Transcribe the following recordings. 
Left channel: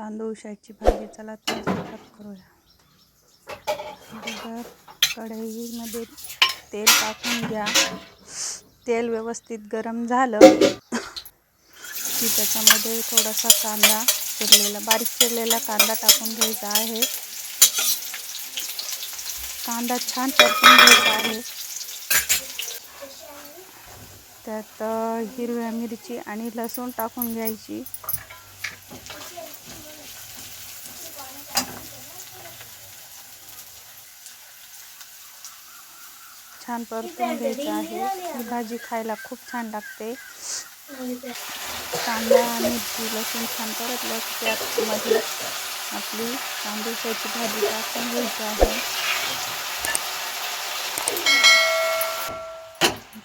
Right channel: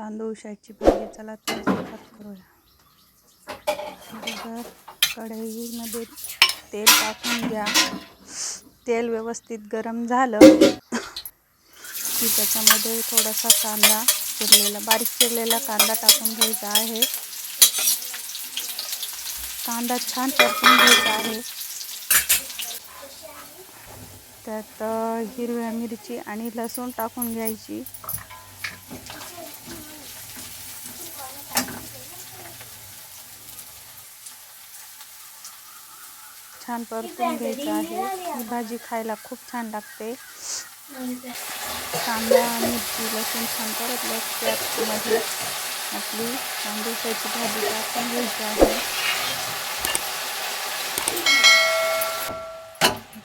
तांदूळ तांदूळशाची भाजी. चला तर सुरुवात करूया. अगोदर कढईमध्ये तेल टाकून घ्या. तेल व्यवस्थित गरम झालं की त्याच्यामध्ये थोडासा कांदा चिरलेला बारीक चिरलेला कांदा टाकून घ्यायचा आहे. कांदा छान परतून घ्यायचा आहे. त्यात हिरव्या मिरची आणि लसूण टाकून घ्यायची. छान परतून घ्यायचं आहे. ही भाजी खायला खूप छान लागते. कांदा, मिरची, लसूण छान परतलं त्यामध्ये आपली तांदूळशाची भाजी टाकून घ्यायची आहे.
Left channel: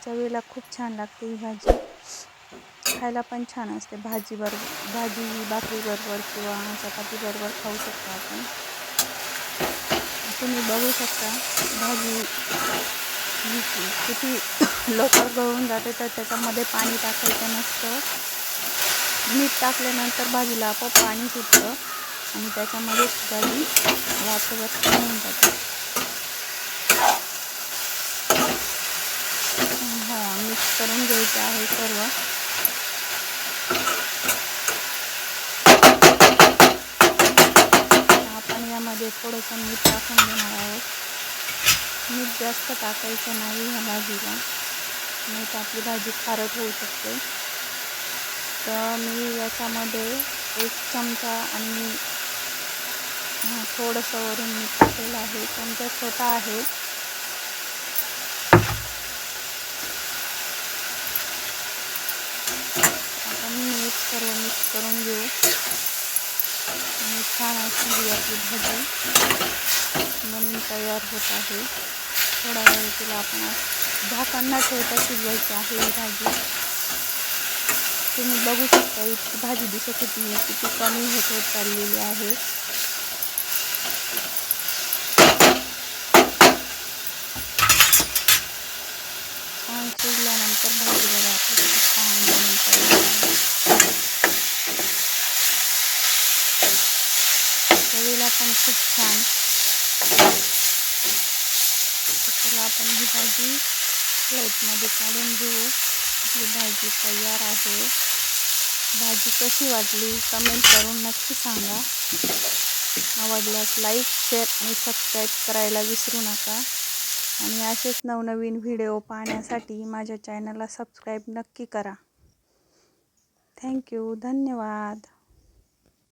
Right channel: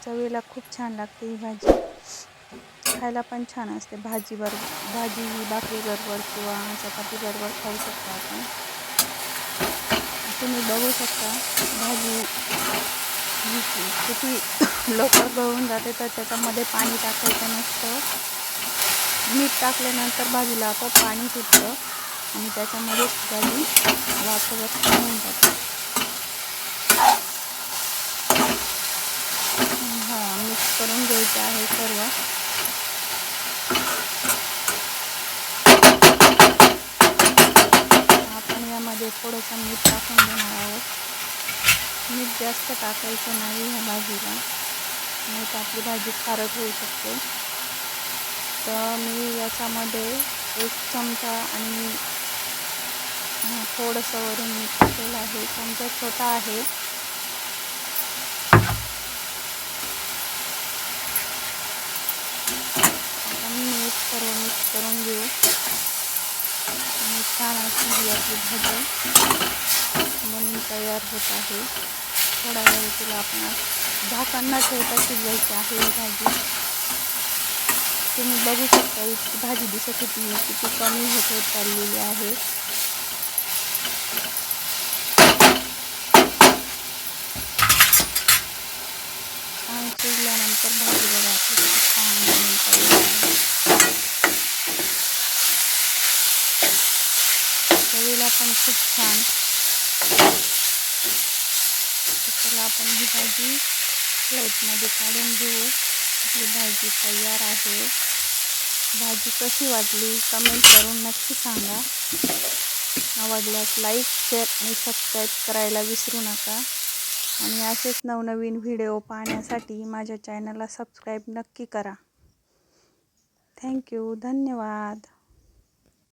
चवीला खूप छान लागते ही भाजी. खायला पण छान असते. भाजी बरोबर भाजी, भाकरी बरोबर किंवा चपाती बरोबर खाऊ शकतो आपण. तुम्ही बघू शकता भाजी ही किती लवकर गळून जाते तर त्याच्यामध्ये पाणी टाकायचं नसतं. मीठ टाकल्यानंतर भाजीला आपोआप पाणी सुटतं आणि त्याच्यामध्ये भाजी वाचवत होऊन जाते. हां मिक्स करून घ्यायचं आहे सर्व. आपण यामध्ये थोडंसं मीठ टाकून देणार आहोत. मीठ जास्त टाकायचं नाही ह्या भाजीला. नाही तर आपली भाजी खारट होऊ शकते. तर मी याच्यामध्ये एक चमचा आणि थोडंसं वरून मीठ टाकलेलं आहे. चमचा छोटा आहे. आपण मीठ सर्व मिक्स करून घेऊ. छान अशी ही भाजी म्हणून तयार होत आहे. थोडा वेळ तिला आपण झाकण न ठेवता शिजवायची आहे ही भाजी. तुम्ही बघू शकता इतकी भाजी दिसत होती किती कमी होत होत चाललेली आहे. छान शिजल्यानंतर भाजी बघा आपली किती छान बनून तयार आहे चवीला पण खूप छान. त्याला आपण ही भाजी प्लेटमध्ये काढून घेऊ. आपली भाजी तयार आहे. भाजी कशी वाटली कमेंट करून नक्की सांगा. आवडल्यास लाईक शेअर आणि सबस्क्राईब करायला विसरू नका. आणि असेच नवनवीन व्हिडिओ पाहण्यासाठी माझ्या चॅनलला सबस्क्राईब नक्की करा. थँक्यू धन्यवाद.